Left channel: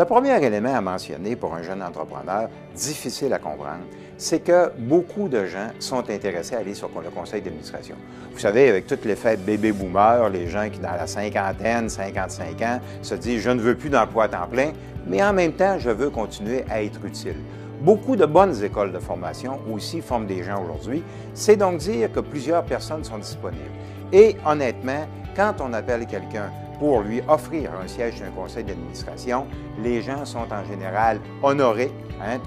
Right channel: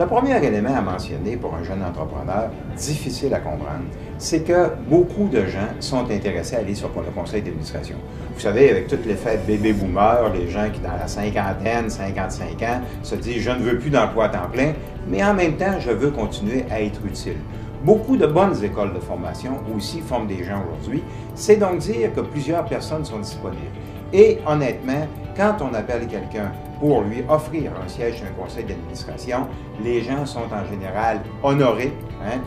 Le premier élément à mentionner pour un jeune entrepreneur, difficile à comprendre, c'est que beaucoup de gens sont intéressés à aller sur le conseil d'administration. Vous savez, avec toutes les fêtes bébé-boomers, les gens qui dans la cinquantaine, 55 ans, se disent « je ne veux plus d'emploi à temps plein », mais en même temps, je veux continuer à être utile. Beaucoup de bonnes écoles de formation aussi forment des gens aujourd'hui. C'est donc dire que plusieurs personnes sont disponibles. Et honnêtement, quand on appelle quelqu'un pour lui offrir un siège sur un conseil d'administration, les gens sont en général honorés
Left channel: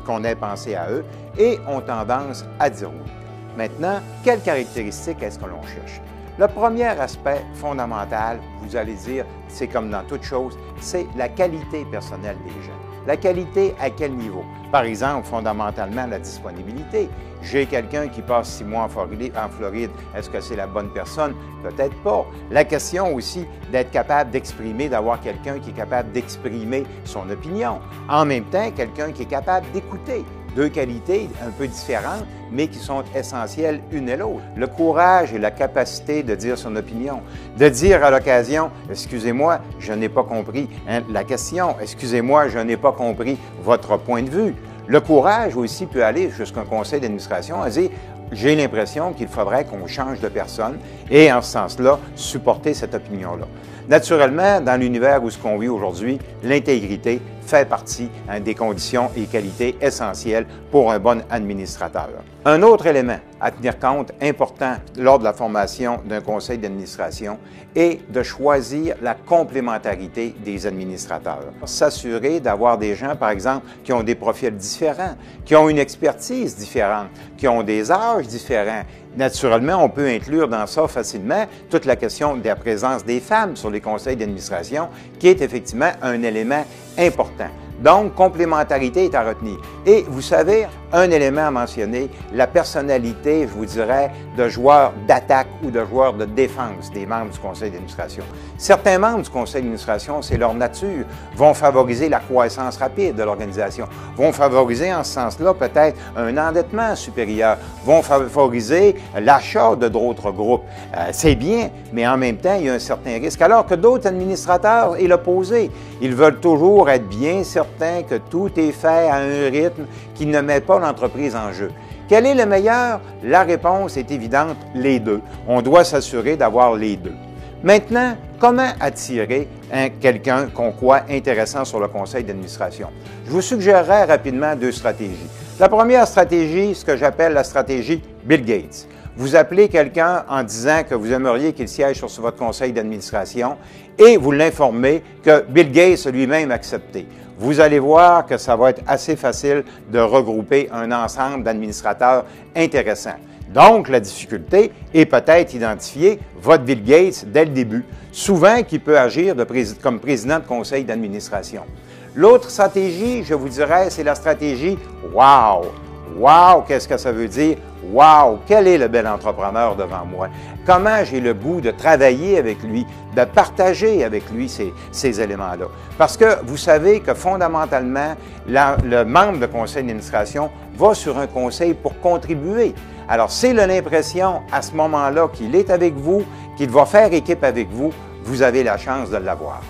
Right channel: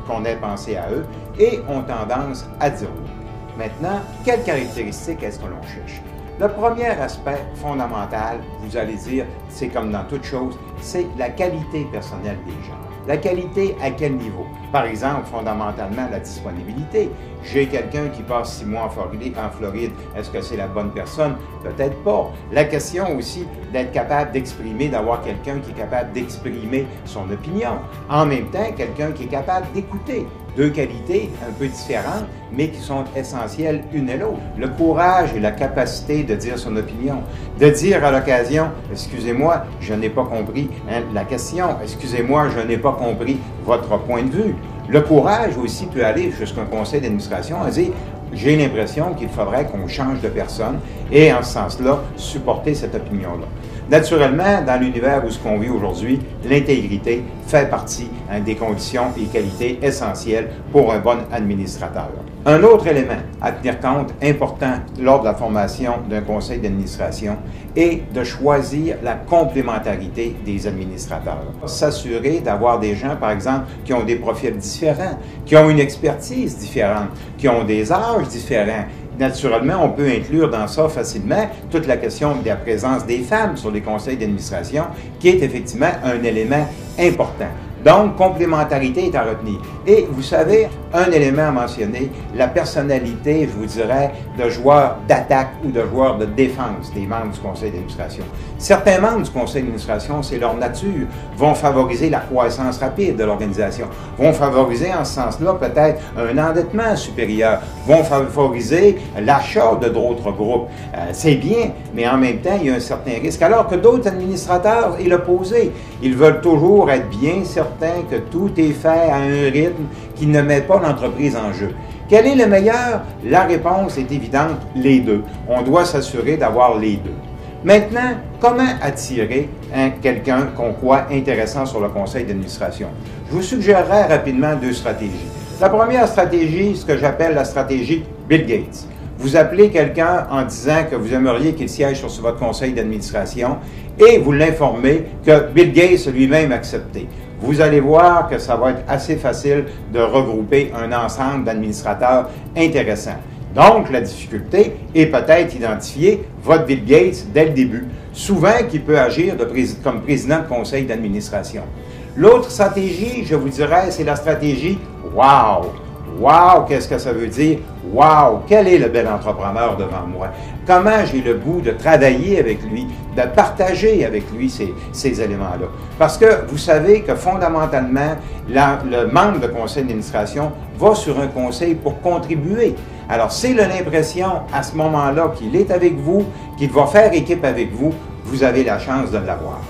qu'on ait pensé à eux et ont tendance à dire oui. Maintenant, quelles caractéristiques est-ce que l'on cherche? Le premier aspect fondamental, vous allez dire, c'est comme dans toute chose, c'est la qualité personnelle des gens. La qualité à quel niveau? Par exemple, fondamentalement, la disponibilité. J'ai quelqu'un qui passe 6 mois en Floride. Est-ce que c'est la bonne personne? Peut-être pas. La question aussi d'être capable d'exprimer, d'avoir quelqu'un qui est capable d'exprimer son opinion. En même temps, quelqu'un qui est capable d'écouter. Deux qualités un peu différentes, mais qui sont essentielles une et l'autre. Le courage et la capacité de dire son opinion. De dire à l'occasion, excusez-moi, je n'ai pas compris la question. Excusez-moi, je n'ai pas compris votre point de vue. Le courage aussi peut aller jusqu'à un conseil d'administration et dire j'ai l'impression qu'il faudrait qu'on change de personne et en ce sens-là, supporter cette opinion-là. Naturellement, dans l'univers où ce qu'on vit aujourd'hui, l'intégrité fait partie des conditions et qualités essentielles pour un bon administrateur. Un autre élément à tenir compte important lors de la formation d'un conseil d'administration est de choisir la complémentarité des administrateurs. S'assurer d'avoir des gens, par exemple, qui ont des profils différents, qui ont une expertise différente, qui ont des âges différents. Naturellement, on peut inclure dans ça facilement toute la question de la présence des femmes sur les conseils d'administration, qui est effectivement un élément important. Donc, complémentarité est à retenir. Et vous savez, un élément à mentionner, la personnalité, je vous dirais, de joueurs d'attaque ou de joueurs de défense des membres du conseil d'administration. Certains membres du conseil d'administration, c'est leur nature, vont favoriser la croissance rapide de l'organisation, vont favoriser en ce sens-là peut-être un endettement supérieur, vont favoriser l'achat de d'autres groupes. C'est bien, mais en même temps, il y a un certain risque. Alors que d'autres administrateurs est l'opposé. Ils veulent toujours être bien certains que tout est fait à un rythme qui ne met pas l'entreprise en jeu. Quel est le meilleur? La réponse est évidente, les deux. On doit s'assurer d'avoir les deux. Maintenant, comment attirer quelqu'un qu'on croit intéressant sur le conseil d'administration? Je vous suggérerais rapidement 2 stratégies. La première stratégie, ce que j'appelle la stratégie Bill Gates. Vous appelez quelqu'un en disant que vous aimeriez qu'il siège sur votre conseil d'administration et vous l'informez que Bill Gates lui-même a accepté. Vous allez voir que ça va être assez facile de regrouper un ensemble d'administrateurs intéressants. Donc, la difficulté est peut-être identifier votre Bill Gates dès le début, souvent qui peut agir comme président de conseil d'administration. L'autre stratégie, je vous dirais, c'est la stratégie « Wow ». Wow, qu'est-ce que ça veut dire? Wow, quel est le bel entrepreneur devant moi? Comment j'ai le goût de travailler avec lui, de partager avec lui ces éléments-là? Parce que vous savez que fondamentalement, le membre de conseil d'administration va sur un conseil pour contribuer. Alors, s'il a l'impression à ce moment-là qu'il est avec vous, qu'il va faire équipe avec vous, vous avez la chance de l'avoir.